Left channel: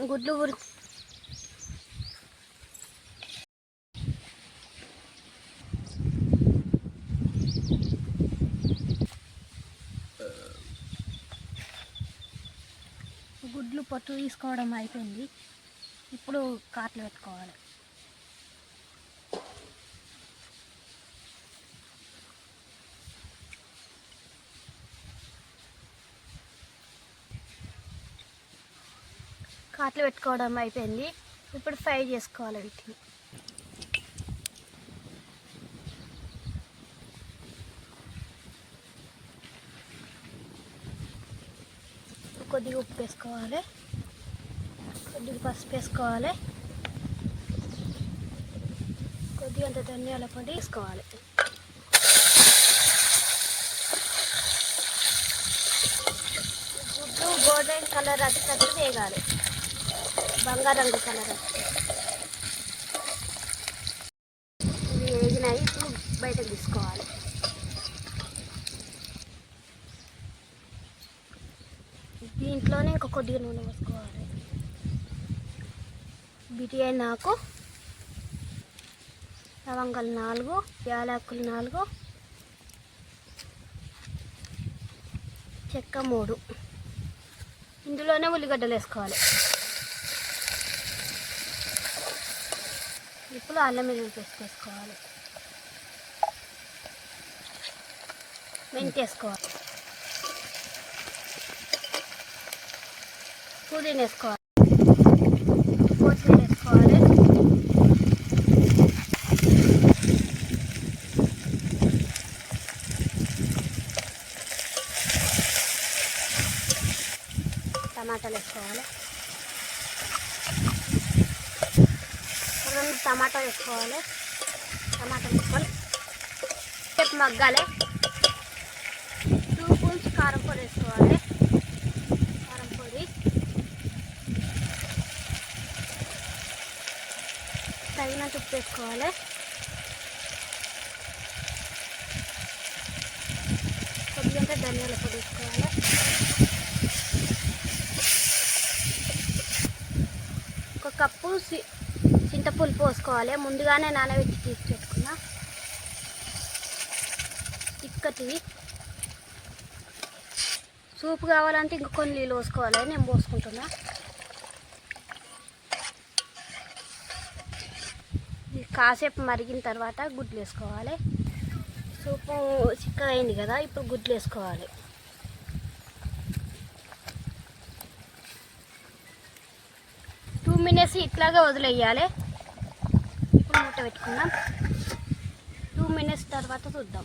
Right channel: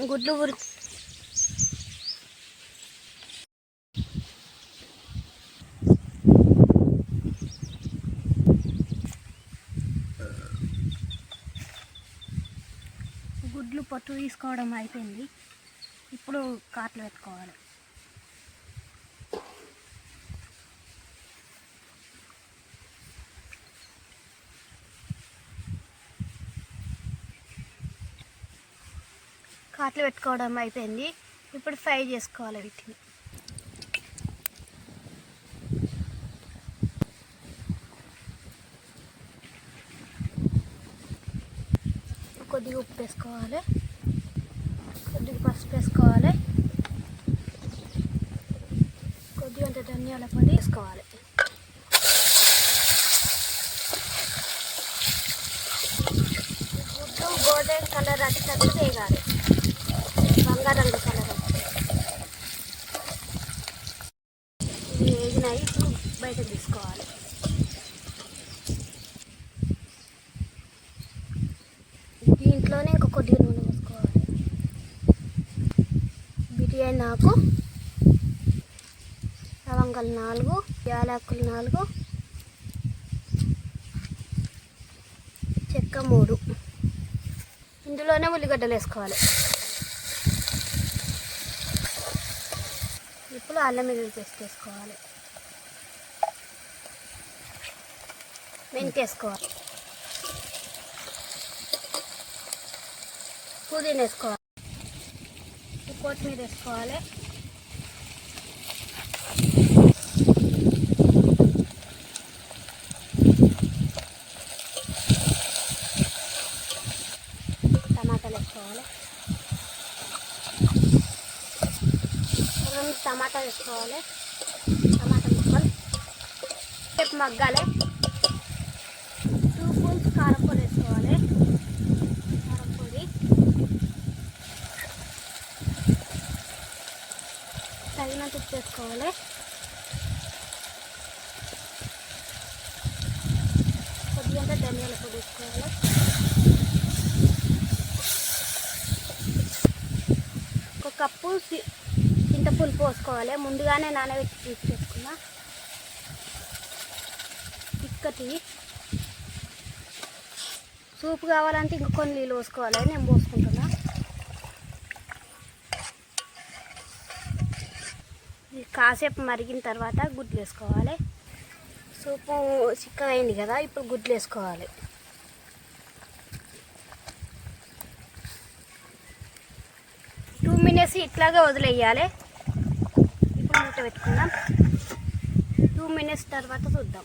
గుడ్లు ఉరి గుడ్లు పొట్టు తీసుకోవడం అయిపోయింది. ఇప్పుడు కాట్లు పెట్టుకోవాలి. కాట్లు పెట్టుకోవడం అయిపోయింది. ఇప్పుడు ఫ్రై చేసుకోవాలి వీటిని. కొద్దిగా ఉప్పు వేసుకోవాలి. కొద్దిగా పసుపు వేసుకోవాలి. కొద్దిగా అంత ధనియాల పొడి వేసుకోవాలి. గుడ్డు గోల్డెన్ కలర్ అది తగ్గితే వేయాలి. బంగారం కలర్. ఇది వేగినాయి ఇప్పుడు బయటకు తీసుకోవాలి. దీంట్లోనే ఇంకా కొద్దిగా నూనె పోసుకోవాలి. బిర్యానీ నాకు లవంగాలు నాలుగు యాలకులు నాలుగు చెక్క మూడు. ఇందులోనే ఉల్లిగడ్డలు వేసుకోవాలి. ఇప్పుడు అల్లం వెల్లుల్లి పేస్ట్ వేసుకోవాలి. మెంతి వేసుకోవాలి పుదీన వేసుకోవాలి. కొత్తిమీర వేసుకోవాలి. టమాటాలు వేసుకోవాలి. మనం టమాటా వేసుకోవాలి. టమాటా ముక్కలు. రేపు మగ్గాలి. టూ స్పూన్స్ కారం పొడి వేసుకోవాలి. కారం పొడి. తగినంత ఉప్పు వేసుకోవాలి. కొద్దిగా ధనియాల పొడి వేసుకోవాలి. ఒక కప్పు సి- చింతపులుపు పోసుకోవాలి. ముందుగానే నానబెట్టి తీసి పెట్టుకున్నా. చిక్కటిది సూప్ కావాలంటే ఇంక కొన్ని నీళ్ళు పోసుకోవాలి. నేను పోసుకుంటున్నా. కాసేపు మరిగిన తర్వాత గుడ్లు వేసుకోవాలి. సూపు చిక్క అయింది కదా ఇప్పుడు గుడ్లు వేసుకోవాలి. టూ మినిట్స్ ఇట్లాగా వదిలేయాలి. పెట్టుకుందాం. టూ మినిట్స్ తర్వాత చూద్దాం.